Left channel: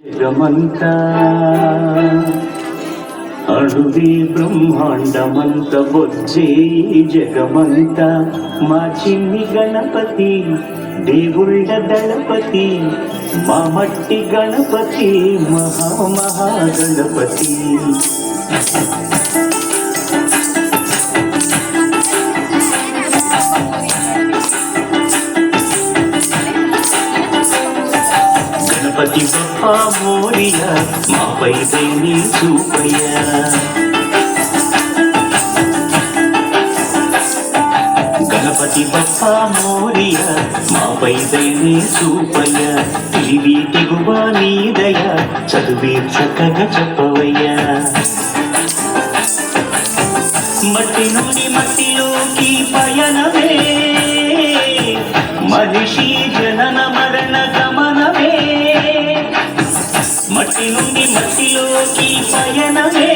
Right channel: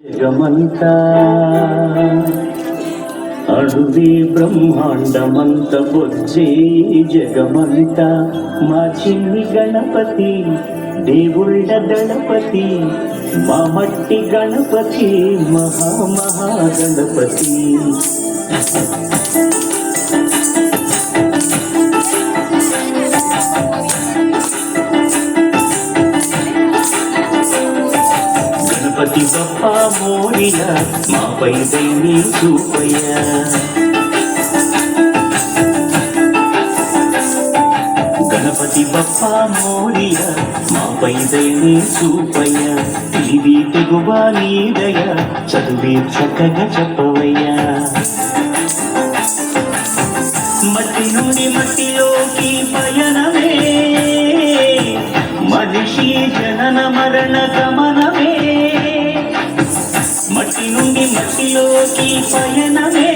జగమంతా అడువి బ్రహ్మాండమంత బొచ్చే జగమంత మా చిన్ని గణపతి దేవుళ్ళ దళపతి మా మట్టి గణపతి మహామహాగణపతి. గణపతి బప్పా మోరియా మాపై దేని చూపయ్యా. గణపతి బప్పా మోరియా మాపై దేని చూపయ్యా. తెలివి తెగువ నీదయ్యా చదువే చక్కగా చెప్పవయ్యా. మట్టి నుండి మట్టిలోకి పయనమే మనిషి జనన మరణ గమనమే. మట్టి నుండి మట్టిలోకి పయనమే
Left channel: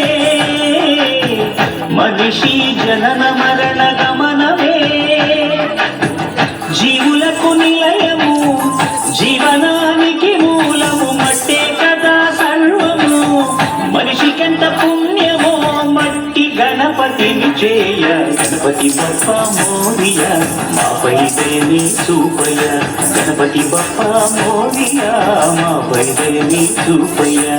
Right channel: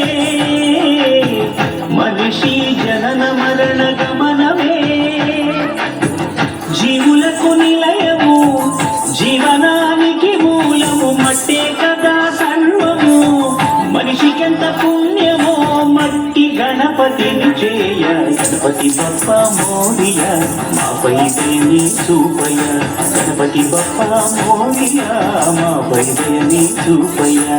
మనిషి జనన మరణ గమనమే. జీవులకు నిలయము జీవనానికి మూలము మట్టే కదా సర్వము. మనిషికెంత పుణ్యమో మట్టి గణపతిని చేయ. గణపతి బప్పా మోరియా మాపై దేని చూపయ్యా. గణపతి బప్పా మోరియా మాపై దేని చూపయ్యా.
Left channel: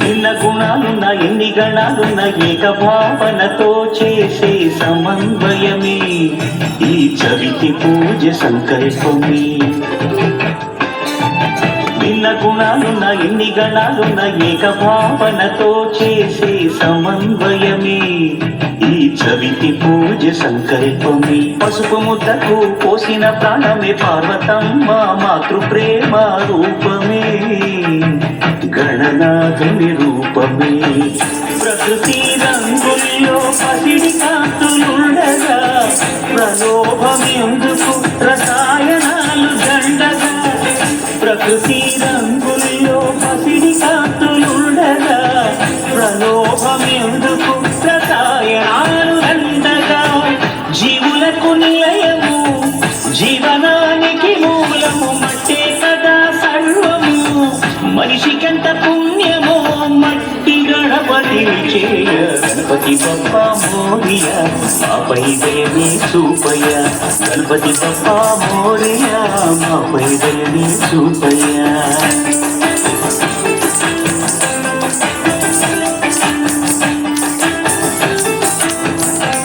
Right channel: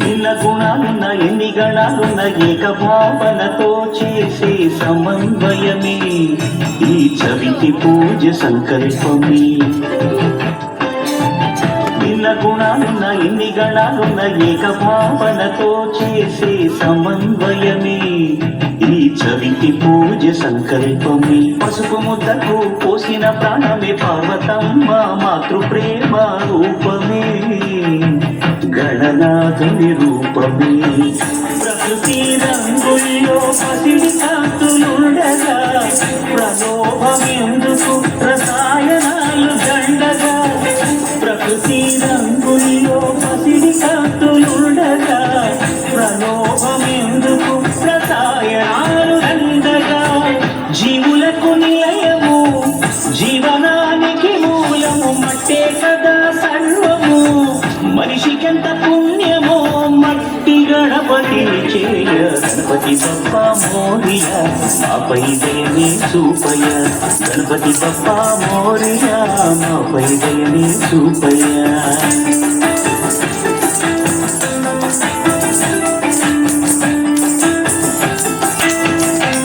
భిన్న గుణాలున్న ఎన్ని గణాలున్న ఏక భావనతో చేసే సమన్వయమే ఈ చవితి పూజ సంకల్పమే. భిన్న గుణాలున్న ఎన్ని గణాలున్న ఏక భావనతో చేసే సమన్వయమే ఈ చవితి పూజ సంకల్పమే. పసుపు ముద్దకు పోసిన ప్రాణమే పార్వతమ్మ మాతృ ప్రేమ రూపమే గణనాథుని రూపమే. ప్రకృతి రంగుల్లో పసిడి కాంతులుండగా ప్రలోభమెందుకు రసాయనాలు దండగా. ప్రకృతి రంగుల్లో పసిడి కాంతులుండగా ప్రలోభమెందుకు రసాయనాలు దండగా. జీవులకు నిలయము జీవనానికి మూలము మట్టే కదా సర్వము. మనిషికెంత పుణ్యమో మట్టి గణపతిని చేయ. గణపతి బప్పా మోరియా మాపై దేని చూపయ్యా. గణపతి బప్పా మోరియా మాపై దేని చూపయ్యా.